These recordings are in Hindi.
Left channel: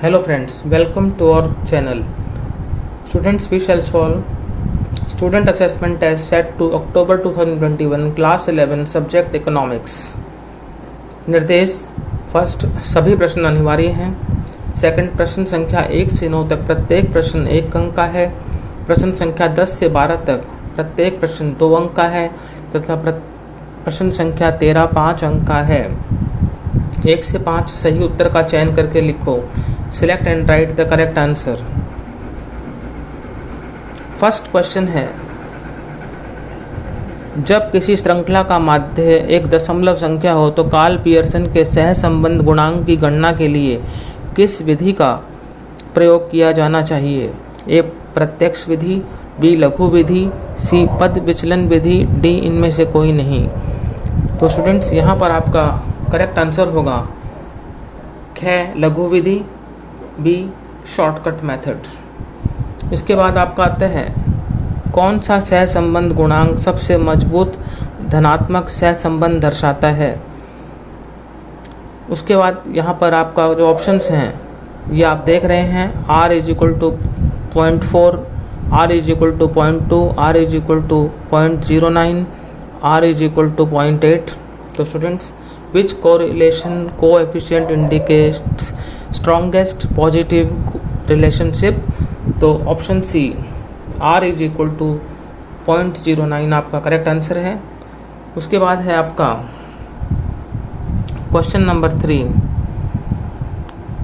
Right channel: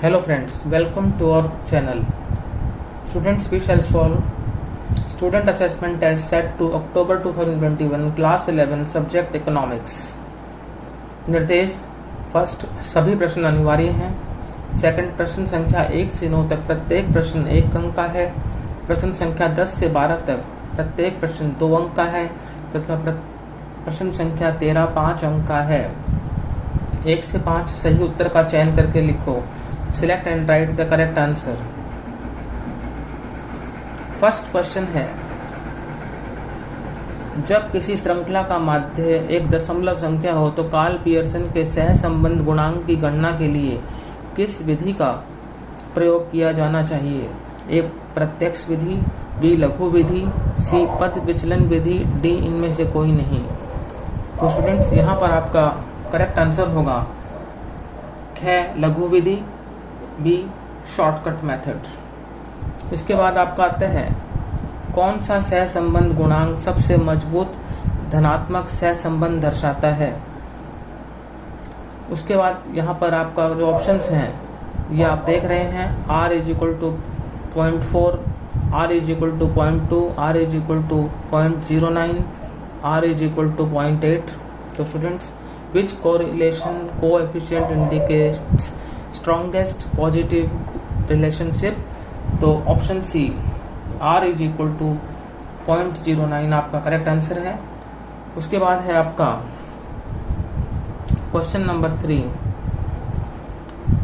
Hello friends, welcome to our channel. Students, we shall solve student assessment test set to October 2021 class 11 subject economics. निर्देश फर्स्ट, सभी प्रश्न अनिवार्य हैं। सेकंड, प्रश्न संख्या 1 से 9 तक प्रत्येक प्रश्न 1 अंक का है। प्रश्न संख्या 10 से 12 तक प्रत्येक प्रश्न 2 अंक का है तथा प्रश्न संख्या 13 5 अंक का है। 1 से 5 सही उत्तर का चयन करके लिखो। Select and right the correct answer. First question है, जब किसी श्रृंखला का माध्य एक दशमलव संख्या हो तो कार्ल पियर्सन के सहसंबंध गुणांक की गणना के लिए किस विधि का प्रयोग किया जाना चाहिए? ए प्रत्यक्ष विधि, बी लघु विधि, सी पद विचलन विधि, डी इनमें से कोई नहीं। तो स्टूडेंट्स, यहाँ पर आपका करेक्ट आंसर होगा ख लघु विधि, बी शॉर्टकट मेथड। इसके बाद आपका आता है, कौन सा सहसंबंध गुणांक सबसे मजबूत धनात्मक सहसंबंध दर्शाता है? उसके बाद यहाँ पर आपका जो ऑप्शंस हैं ये आप देख रहे हैं, r = 0.4, r = 0.2, r = 0.09, r = 0.8। तो students, which correlation coefficient indicates strongest positive relationship? तो ऑप्शन सी r = 0.09 आपका करेक्ट आंसर है। उसके बाद है आपका क्वेश्चन नंबर 3,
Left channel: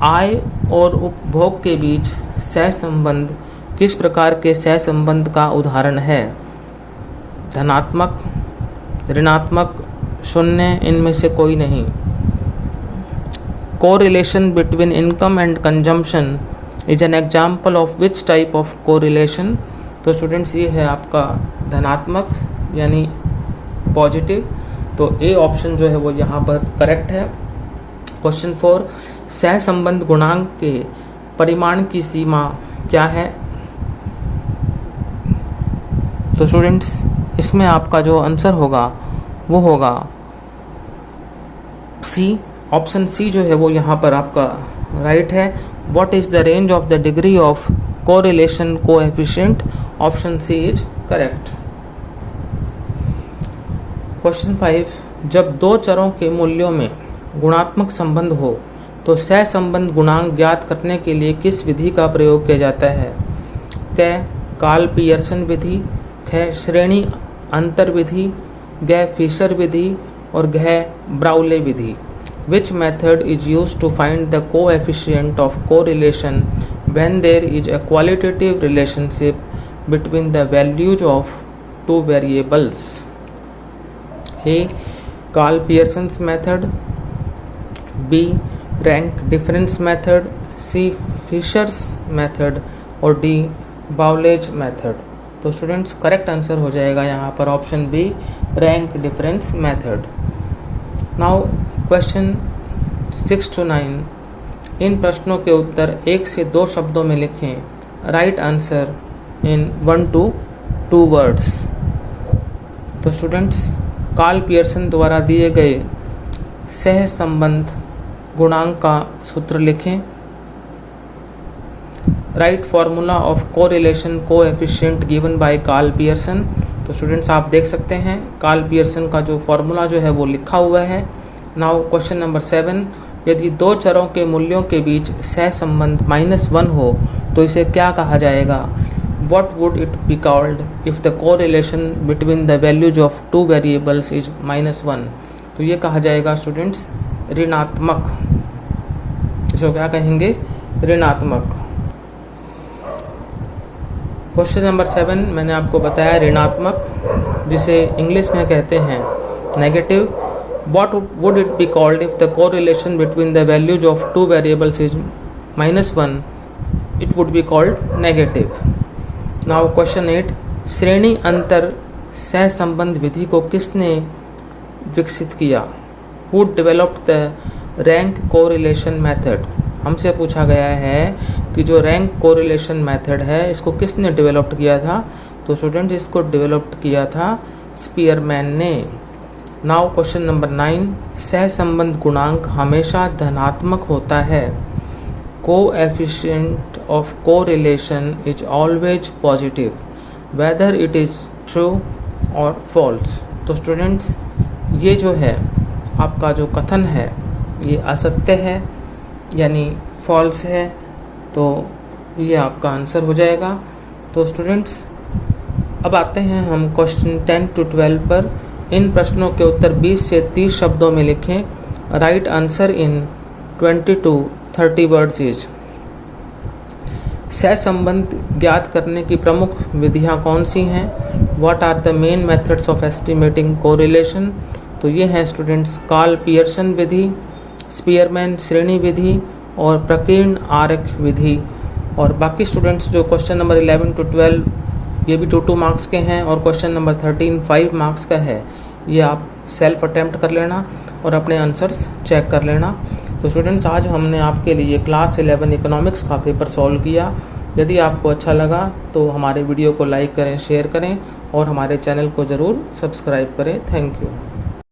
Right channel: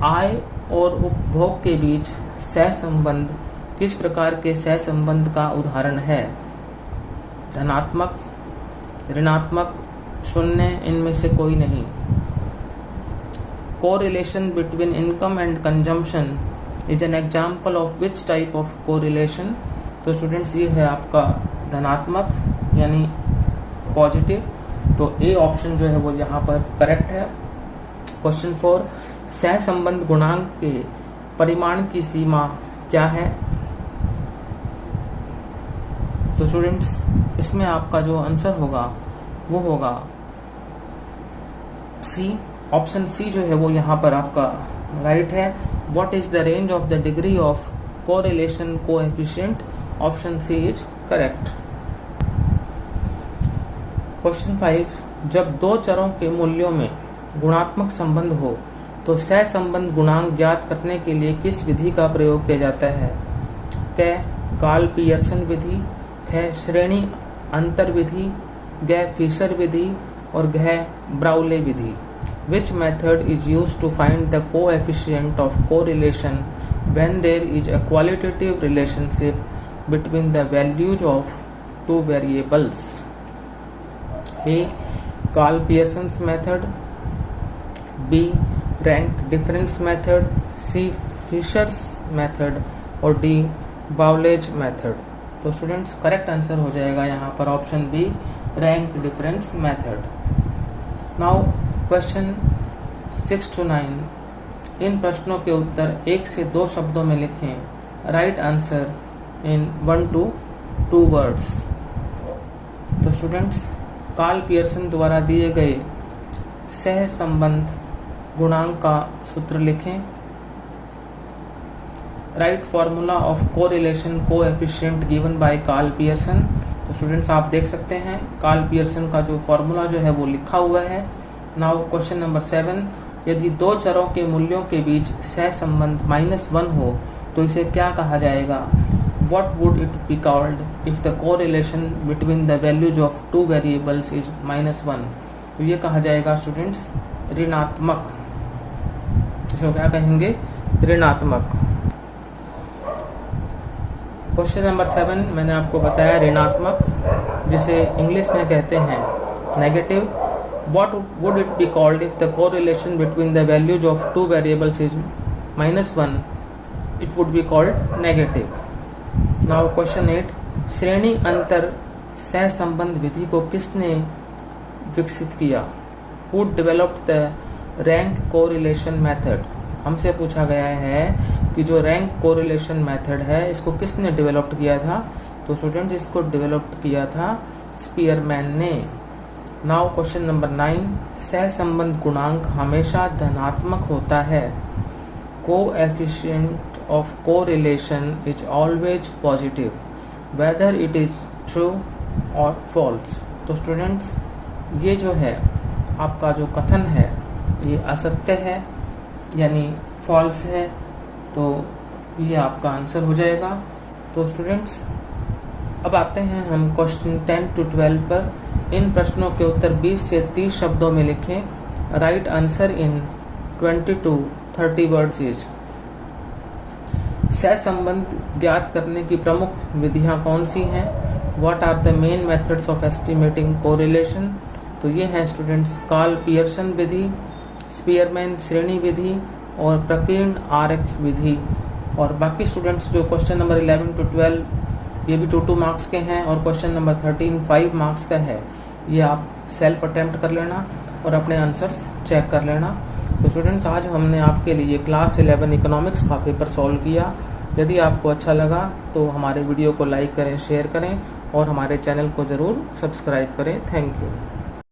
आय और उपभोग के बीच सहसंबंध किस प्रकार के सहसंबंध का उदाहरण है? धनात्मक, ऋणात्मक, शून्य, इनमें से कोई नहीं। Correlation between income and consumption is an example of which type of correlation? तो स्टूडेंट्स, ये है आपका धनात्मक यानी पॉजिटिव। तो ए ऑप्शन जो है वो यहाँ पर करेक्ट है। क्वेश्चन 4, सहसंबंध गुणांक के परिमाण की सीमा क्या है? तो स्टूडेंट्स, इसमें आपका जो आंसर होगा वो होगा सी। ऑप्शन सी जो है वो यहाँ पर आपका राइट है। What is the range of the degree of correlation coefficient? Option c is correct. Question 5, जब दो चरों के मूल्यों में गुणात्मक संबंध हो तो सहसंबंध गुणांक ज्ञात करने के लिए किस विधि का प्रयोग किया जाता है? क कार्ल पियर्सन विधि, ख श्रेणी अंतर विधि, ग फिशर विधि और घ ब्राउले विधि। Which method is used to find the coefficient of correlation when there is a qualitative relationship between the values of two variables? A. Carl Pearson's method, B. Rank difference method, C. Fisher's method और D. Bowlage method। तो स्टूडेंट्स, करेक्ट आंसर हो जाएगा यहाँ पर option b, rank difference method. Now question 6 to 9, इन प्रश्नों के उत्तर 1 से 2 शब्दों में लिखें। Write answer in 1 to 2 words. तो स्टूडेंट्स, कार्ल पियर्सन द्वारा दिए गए सहसंबंध गुणांक का सूत्र लिखें। Write formula of correlation coefficient given by Karl Pearson. तो स्टूडेंट्स, आप देख सकते हैं कार्ल पियर्सन का जो फॉर्मूला जो है वो लिखा हुआ है। नाउ क्वेश्चन नंबर 7, यदि दो चरों के मूल्यों के बीच सहसंबंध -1 हो तो इसे क्या कहा जाएगा? What would it be called if the correlation between the values of two variables is -1? तो ये कहा जाएगा स्टूडेंट्स ऋणात्मक। इसको क्या कहेंगे? ऋणात्मक। क्वेश्चन नंबर 7 मैंने आपको बताया ऋणात्मक, जिसे इंग्लिश में कहते हैं negative. What would it be called if the correlation between the values of two variables is -1? It would be called negative. Now question 8, श्रेणी अंतर सहसंबंध विधि को किसने विकसित किया? Who developed the rank correlation method? हमसे पूछा गया है कि जो रैंक कोरिलेशन मेथड है इसको किसने डेवलप्ड किया था? तो स्टूडेंट, इसको डेवलप्ड किया था स्पीयरमैन ने। नाउ क्वेश्चन नंबर 9, सहसंबंध गुणांक हमेशा धनात्मक होता है। coefficient of correlation is always positive, whether it is true or false। तो स्टूडेंट्स, ये जो है आपका जो कथन है ये असत्य है यानी फॉल्स है, तो ये आपका आंसर हो जाएगा। तो स्टूडेंट्स, अब आते हैं हम क्वेश्चन 10 to 12 पर। इन प्रश्नों के उत्तर 20 से 30 शब्दों में लिखें। Write answer in 20 to 30 words is. सहसंबंध ज्ञात करने की प्रमुख विधियां कौन सी हैं? What are the main methods of estimating correlation? तो ये हैं स्टूडेंट्स कार्ल पियर्सन विधि, स्पीयरमैन श्रेणी विधि और प्रकीर्ण आर्क विधि। और बाकी स्टूडेंट्स जो क्वेश्चन नंबर 11 to 12 ये भी 2 मार्क्स के हैं और क्वेश्चन नंबर 13 5 मार्क्स का है, ये आप सेल्फ अटेम्प्ट कर लेना और अपने आंसर्स चेक कर लेना। तो स्टूडेंट्स, आज हमने आपके लिए क्लास 11 इकोनॉमिक्स का पेपर सॉल्व किया। यदि आपको अच्छा लगा तो हमारे वीडियो को लाइक करें, शेयर करें और हमारे चैनल को ज़रूर सब्सक्राइब करें। Thank you.